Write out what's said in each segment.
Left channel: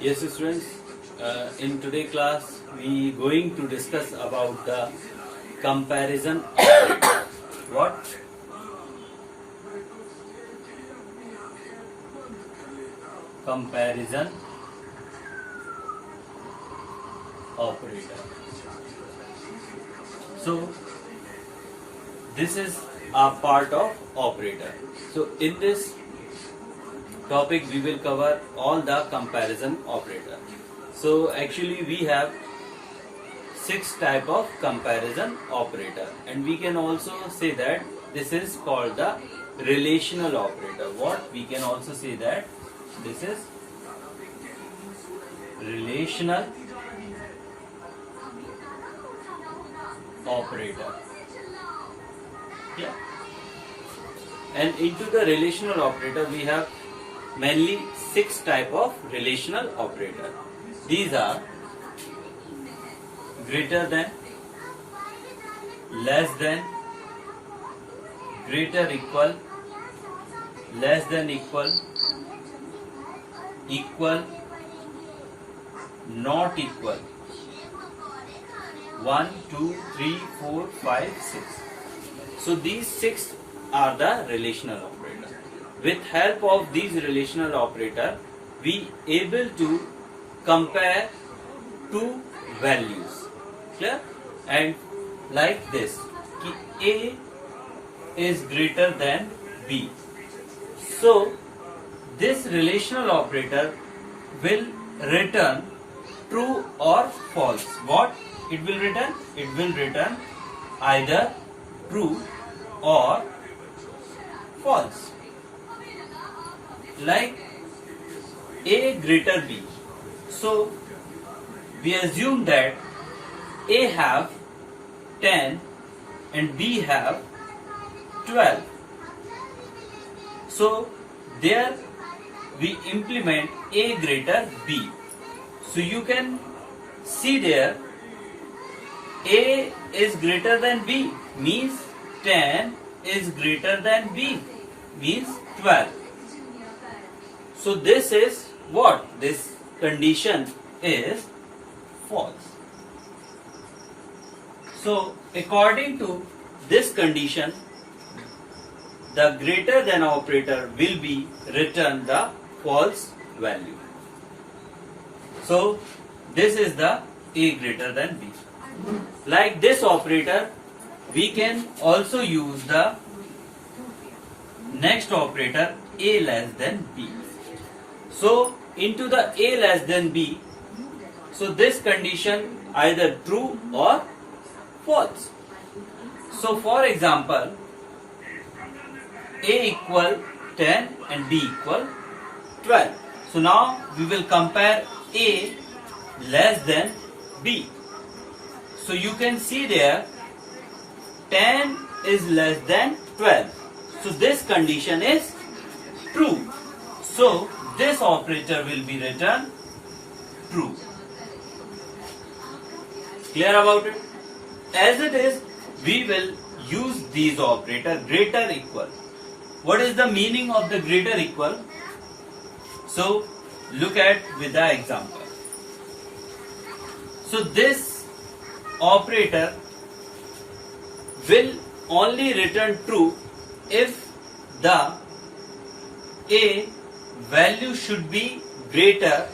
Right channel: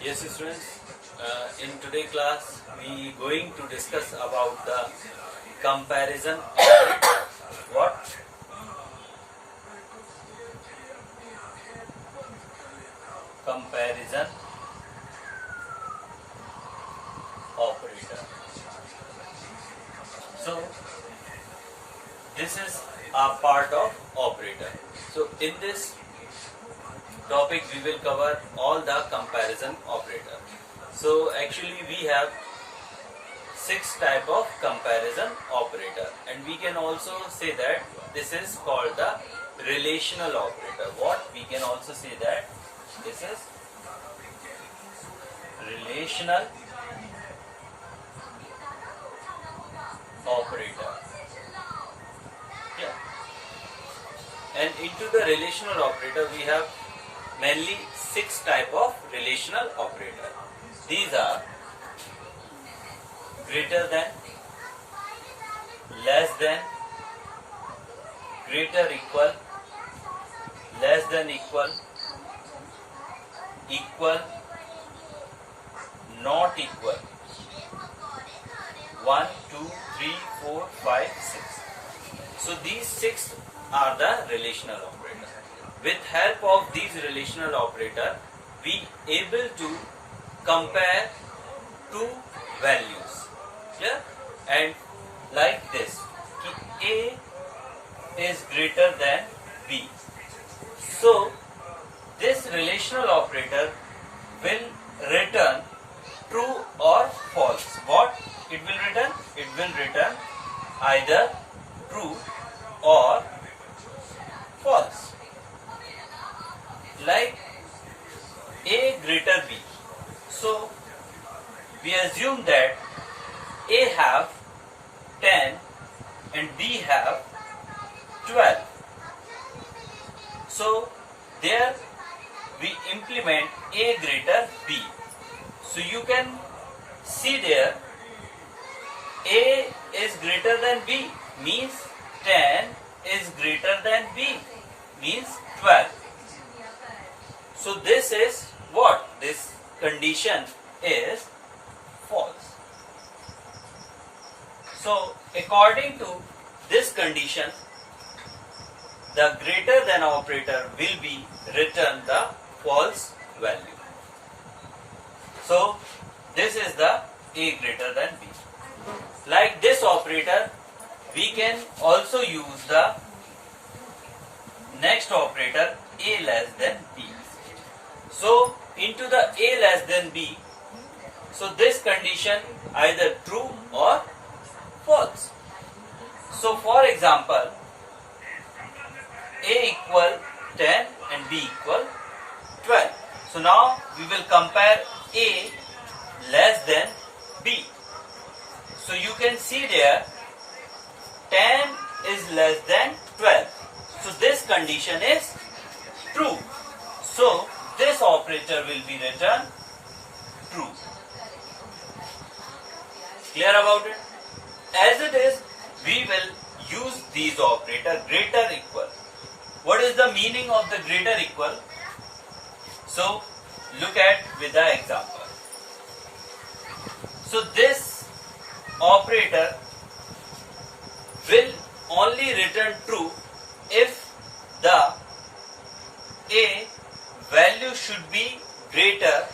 Yes, students. In today's class, we going to discuss about the comparison operator. What? Comparison operator. So, this is a part of operator. So, in this topic, we will cover all the comparison operator. So, actually, we have 6 type of comparison operator, and we can also say that this is called the relational operator. What? We can also say that this is relational operator. Yeah. And into the relational operator, we have mainly 6 type of relational operator. These are greater than, less than, greater equal, less than equal, equal, not equal. 1, 2, 3, 4, 5, 6. So these 6 are the relational operator. With help of these relational operator, we able to compare two values. Clear? And like this, A is greater than B. So this relational operator will return true or false. What it will return? It will return either true or false. Like A greater B. So we assume that A have 10 and B have 12. So there we implement A greater B. So you can see there A is greater than B means 10 is greater than B means 12. So this is what? This condition is false. So according to this condition, the greater than operator will be return the false value. So this is the A greater than B. Like this operator, we can also use the next operator A less than B. So into the A less than B, so this condition either true or false. So for example, A equal 10 and B equal 12. So now we will compare A less than B. So you can see there 10 is less than 12. So this condition is true. So this operator will be returned true. Clear about it? As it is, we will use these operator greater equal. What is the meaning of the greater equal? So look at with the example. So this operator will only return true if the A value should be greater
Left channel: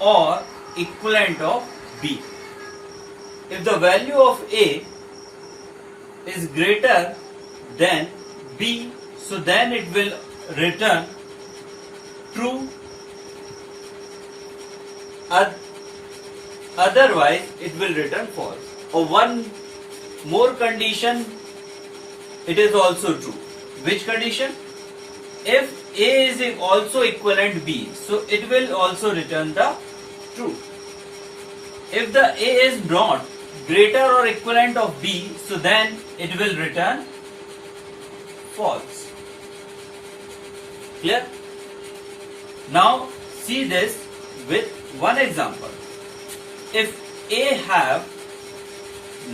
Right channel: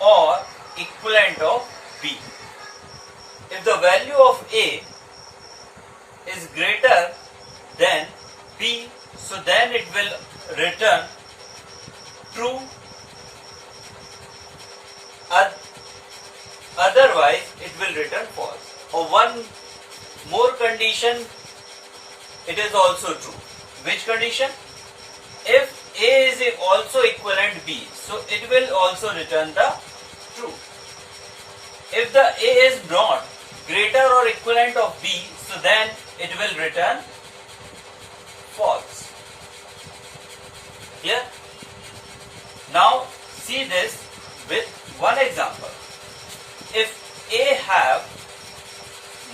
or equivalent of B. If the value of A is greater than B, so then it will return true. Otherwise, it will return false. Or one more condition, it is also true. Which condition? If A is also equivalent B, so it will also return the true. If the A is not greater or equivalent of B, so then it will return false. Clear? Now see this with one example. If A have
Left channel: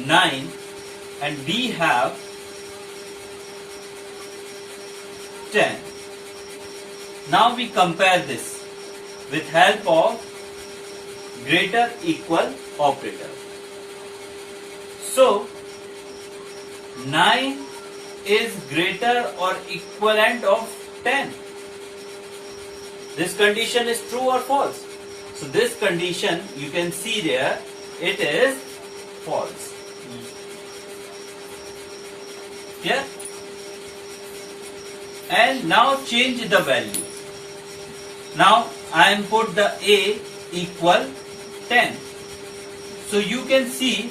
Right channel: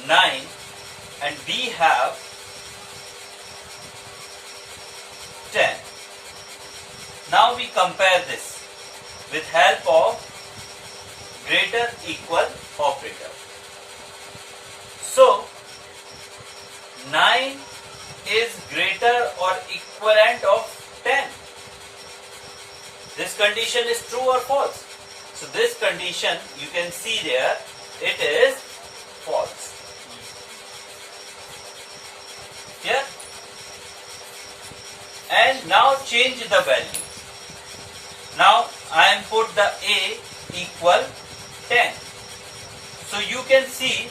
9 and B have 10. Now we compare this. with help of greater equal operator. So 9 is greater or equivalent of 10. This condition is true or false? So this condition you can see there, it is false. Here. And now change the value. Now I am put the A equal 10. So you can see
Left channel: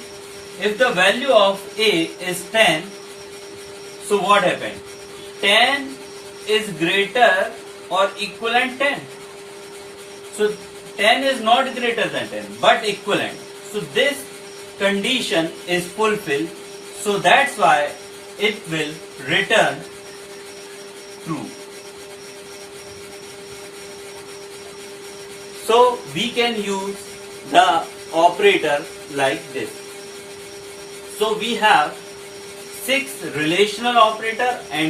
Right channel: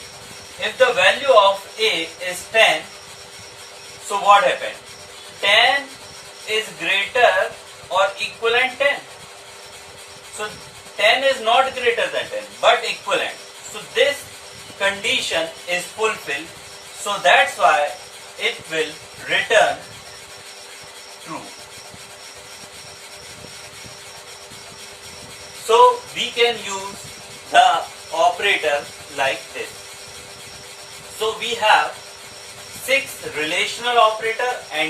if the value of A is 10, so what happened? 10 is greater or equivalent 10. So 10 is not greater than 10 but equivalent. So this condition is fulfilled. So that's why it will return true. So we can use the operator like this. So we have 6 relational operator and